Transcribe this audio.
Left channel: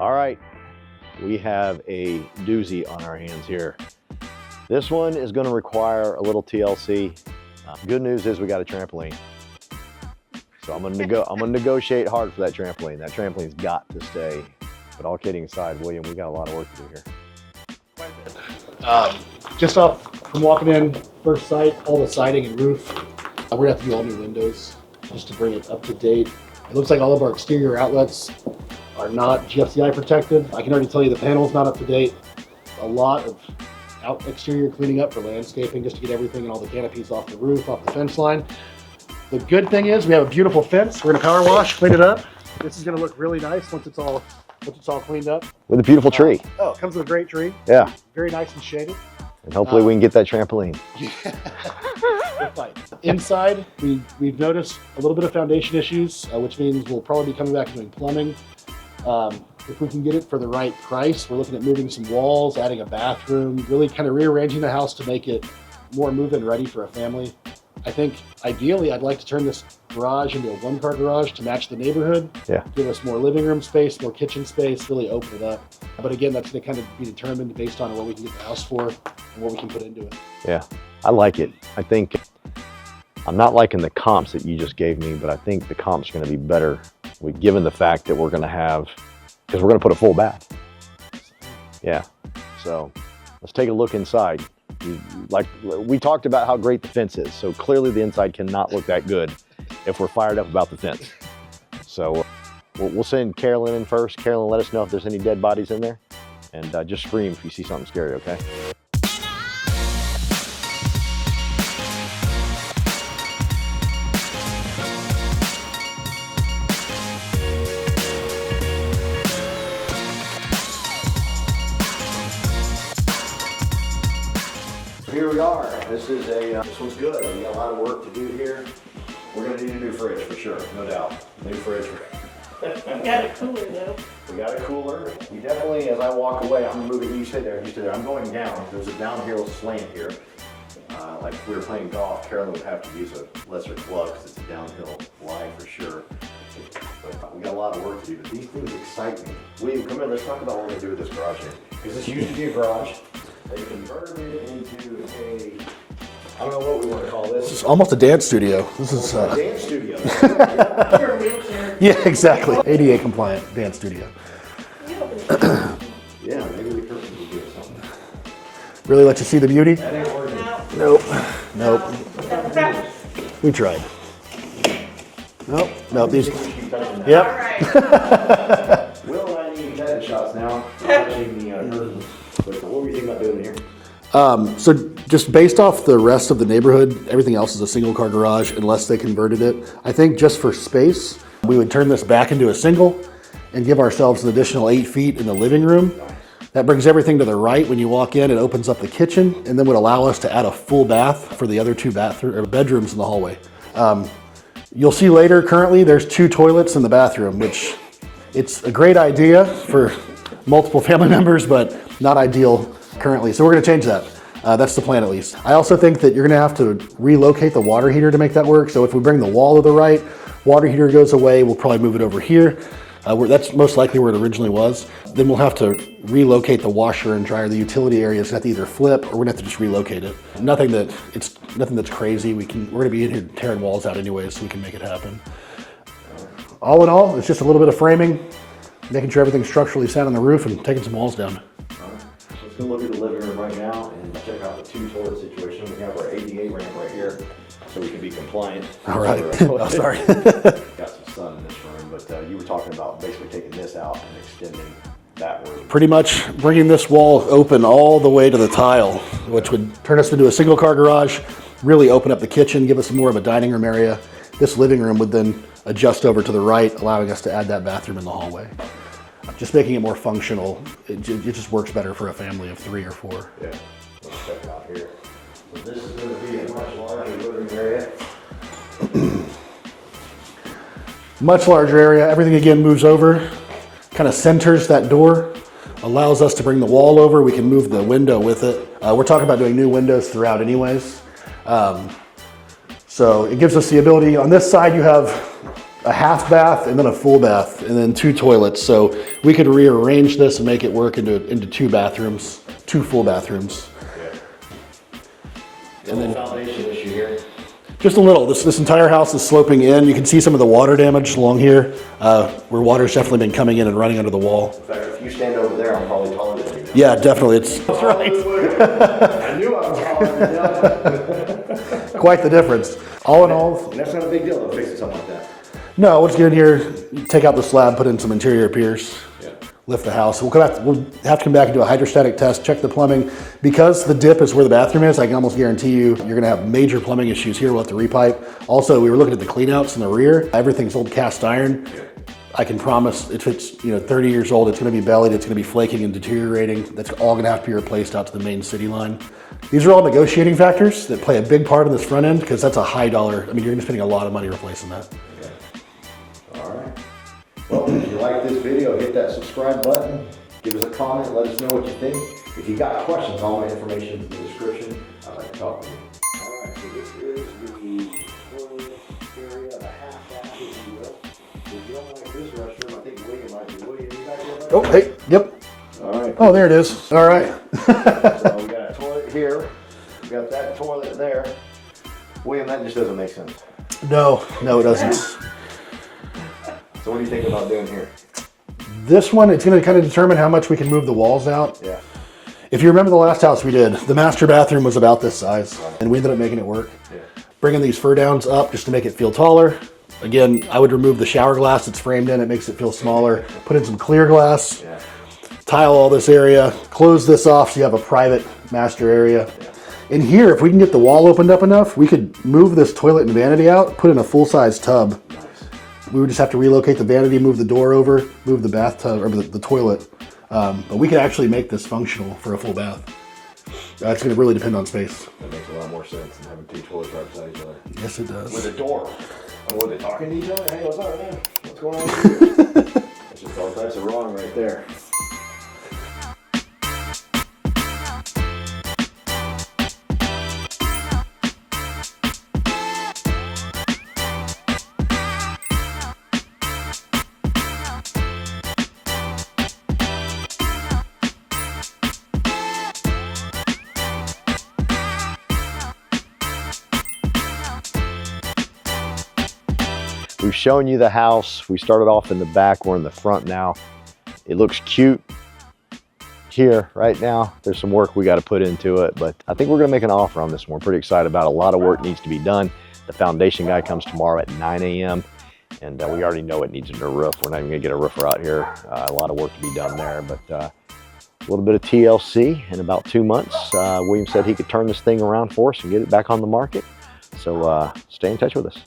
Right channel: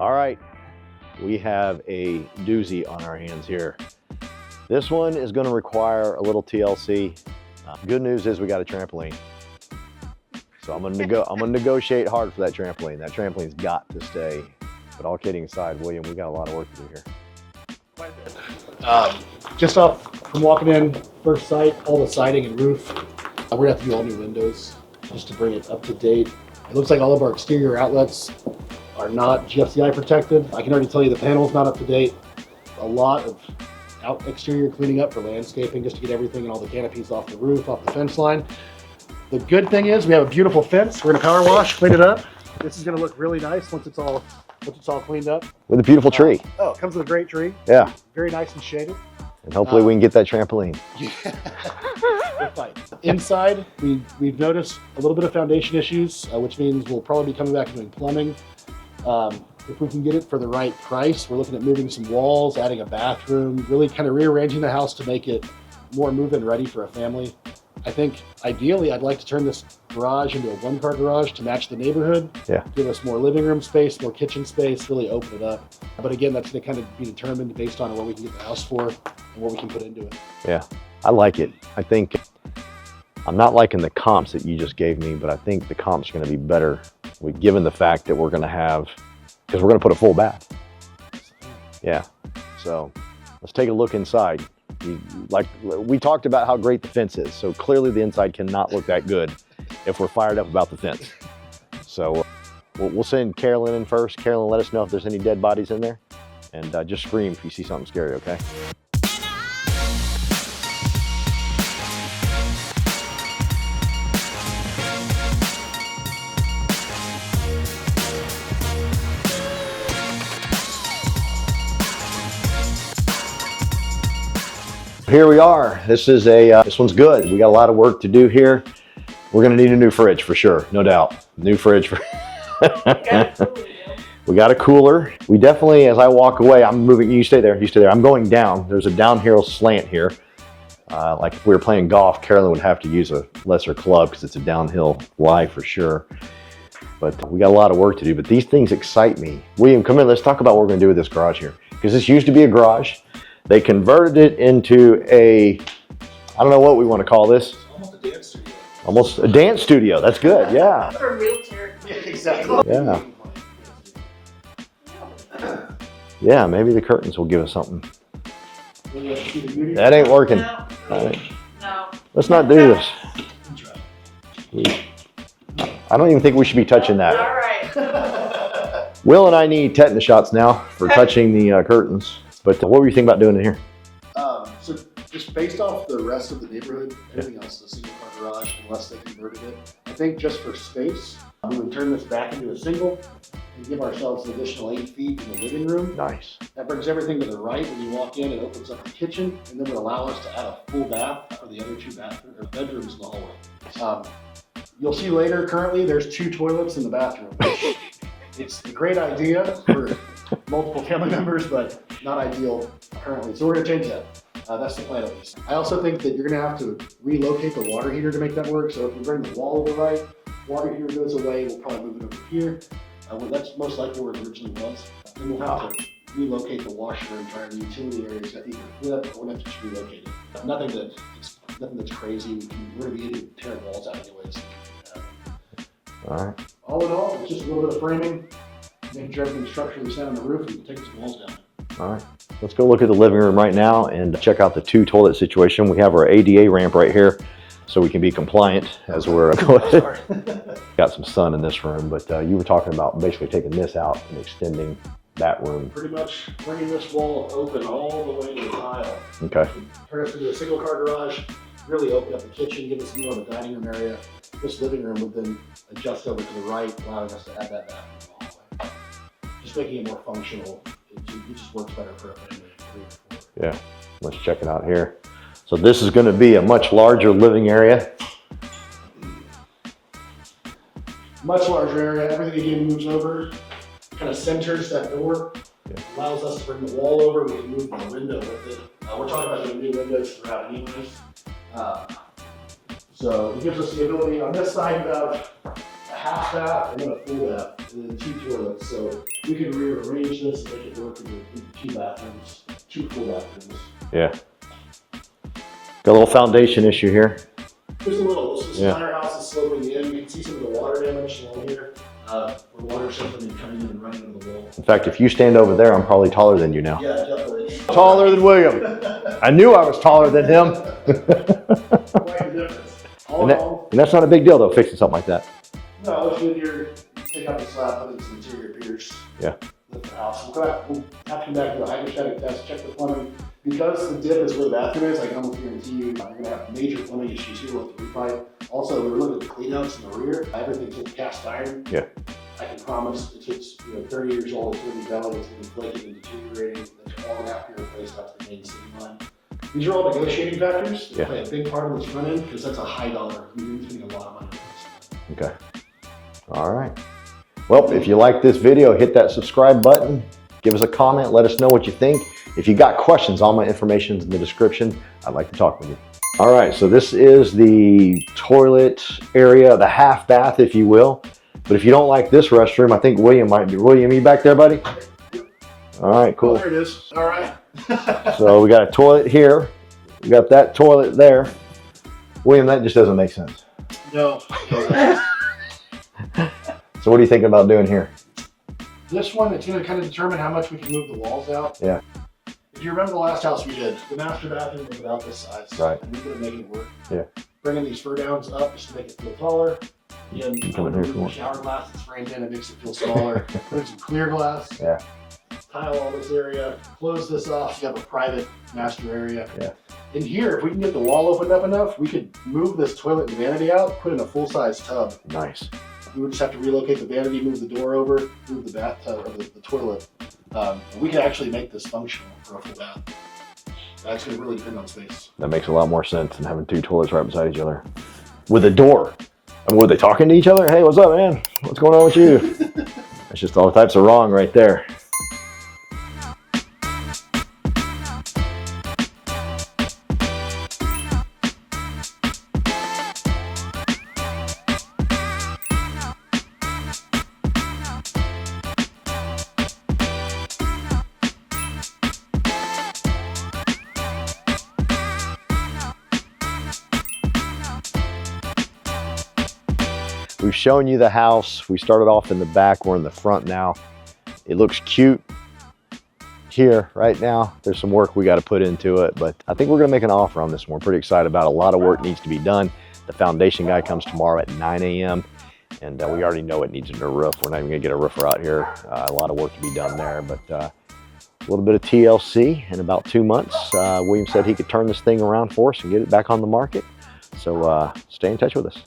All right, we have a doozy on our hands here. This one is going to require a little TLC. Good news is we got a trampoline. So I'm gonna negotiate hard for that trampoline. That trampoline's got to stay. But all kidding aside, William, we got a lot of work to do here. Quite a bit. Just off from walking in, first sight, all the siding and roof. We're gonna have to do all new windows just to bring it up to date. It looks like all of our exterior outlets are not GFCI protected. I can already tell you the panel's not up to date. A lot of exterior cleaning up for landscaping just to get everything and all the canopies off the roof, off the fence line. The good thing is we have a beautiful fence. We're gonna power wash, clean it up. This is gonna look really nice once it's all cleaned up. With a beautiful tree. It comes with a great tree. Yeah. Very nice and shaded. And hopefully we can get that trampoline. We'll fight. Inside, we've noticed a little bit of foundation issues, which means we'll probably be coming back and doing plumbing. If we can get it for the right price, we're looking at moving some walls, adding a bathroom, really kind of rearranging the house to make it more move-in ready for a family. I think ideally I'd like to turn this garage into a one-car garage to match the neighborhood. Yeah. Give us more living room space, more kitchen space, really open it up. But again, that's going to kind of be determined based on what we can get the house for and what we can put into it. Yeah, I like it. I think I'm not liking the comps that you just gave me, but I think the comps are going to be better given the fact that we're going to have, because we're going to put a full bath. Yeah. So let's take a look inside. Like we talked about how great the fence is, so clearly the inside cannot look that good if we're fired up about the fence. So we'll send Carolyn in first. Carolyn, let us know if there's any dead bodies in there, and just scream if you see something scary, okay? Here we are. This one's good. We got a lot of work to do here. We're gonna need a new fridge for sure, no doubt. New fridge for. We got a cooler. We definitely, as I walk away, I'm moving. You stay there. You stay there. I'm going down. There's a downhill slant here. Like if we were playing golf, Carolyn would have to use a lesser club because it's a downhill lie for sure. But we got a lot of work to do. But these things excite me. William, come in. Let's talk about what we're gonna do with this garage here, because this used to be a garage. They converted it into a, I don't know what we want to call this. It's almost a dance studio. Almost a dance studio. That's good. Yeah. Yeah, exactly. ADA compliant dance studio. Yeah, maybe the curtains will give us something. Really let you see the beauty? That ain't working. Nope. Let's not do this. We tried. Nope. I don't even think we should be touching that. Yep. All right. Will and I need tetanus shots now for touching the curtains. But what were you thinking about doing in here? So just based off the rest of the neighborhood, everything else is a single car garage unless they converted it. I think just for space, we would turn this back into a single and give ourselves an additional 8 feet in the living room. Nice. That brings everything to the right when you walk in. It opens up the kitchen and then would allow us to add a full bath for the other two bedrooms in the hallway. You'll see later, currently there's 2 toilets in the bathroom, which it's a great idea for multiple family members, but not ideal currently. So we're gonna change that. That's the plan at least. I also think that you're gonna have to relocate the water heater to make that work. So if we bring the wall to the right, water heater goes away, we'll probably move it over here. That's most likely where it originally was. Then we'll have to relocate the washer and dryer. The utility area is gonna have to either flip or we're gonna have to just relocate it. Nothing that's crazy. We're gonna be in here tearing walls out anyway, so we can make it happen. All in all, it's just a little bit of framing, making sure everything's structurally sound on the roof and taking some walls down. All right, let's go look at the living room right now and check out the 2 toilet situation. We have our ADA ramp right here, so we can be compliant. All right. Oh, sorry. Got some sun in this room, but you were talking about basically taking this out and extending that room. Pretty much bringing this wall open all the way to the tile, which would turn us into a single car garage, really open up the kitchen, give us more of a dining room area. This living room would then adjust over to the right, allowing us to add that bathroom in the hallway. Just making it more functional. It just works better for a family of 3 or 4. Yeah, let's check it out here. So this is going to be a much larger living area. Much larger area. Everything again moves over, kind of centers that door, allows us to bring the wall over. We can move the window with it. We're talking about doing new windows throughout anyways. So it gives us the ability, on this side you have a half bath and then a full bath and then 2 toilets. So we could rearrange this and make it work into 2 bathrooms, 2 full bathrooms. Yeah. Got a little foundation issue here. Just a little. This entire house is sloping in. You can see some of the water damage along here, where water's definitely been coming in and running under the wall. In fact, if you stand over there, I'm probably taller than you now. Yeah, definitely. It's Taller than William. I knew I was taller than him. quite the difference. All in all, And that's not a big deal though, fixing something like that. no, we'll just get in here, take out the slab, put in some interior piers, Yeah. lift the house. We'll have to come back and do a hydrostatic test, check the plumbing. Because the dip is where the bathroom is, I can almost guarantee you, you're gonna have major plumbing issues here. We'll have to repipe. Also, we were looking at the cleanouts in the rear. Everything's old cast iron. Yeah. I can promise if it's 30 years old, it's gonna be bellied, it's gonna be flaking and deteriorating. That's all gonna have to be replaced out to the main city line. These are all negotiating factors that play a big part in this front end because that's a high dollar. I mean, you're gonna be spending a lot of money replacing that. Okay. All right. Well, if you like this video, hit that subscribe button. Give us a comment. Let us know what you think. If you got questions, all my information is in the description. I'd like to talk with you. All right, so this is the toilet area, the half bath, if you will. But if you don't like this restroom, I think William might be. William, you back there, buddy? Oh, hey, yep. All right, cool. Oh, there it is. All right. So we got a toilet here. We got that toilet there. William, that just doesn't make sense. No, it doesn't. So what are you thinking about doing here? This one, it's gonna kind of determine how much we can move the walls out. Yeah. If you remember the last house we did, the master bathroom was about this size. Right. And we ended up making it work. Yeah. Bringing these fur downs up just to make it feel taller. Again, I would remove the shower glass that's framed in, it makes it feel smaller. Put in some clear glass. Yeah. Tile all this area, close this off so you have a private master area. Yeah. In here, if we can get the wall opened up enough, we could move this toilet and vanity out, put in a full-size tub. Nice. We would just have to relocate the vanity, move the door over, move the bathtub, or the toilet. But we could actually make this functional for a full bath. It's gonna really depend on space. That makes a lot more sense than having 2 toilets right beside each other. Yes, it does. With a door. I mean, were they talking to each other? Hey, what's up, man? What's going on with you? It's just all types of wrong right there. We've shown you the house. We started off in the back. We're in the front now. It looks cute here right now. There's some work we got to put into it, but I think we're going to make an offer on this one. We're pretty excited about it. A lot of work needs to be done. The foundation guy comes tomorrow at 9 a.m. and we already know it needs a new roof. We're not even going to get a roofer out here. A lot of work to be done there, but a little bit of TLC in about 2 months. William said he could turn this thing around for us and get it back on the market. So stay in touch with us.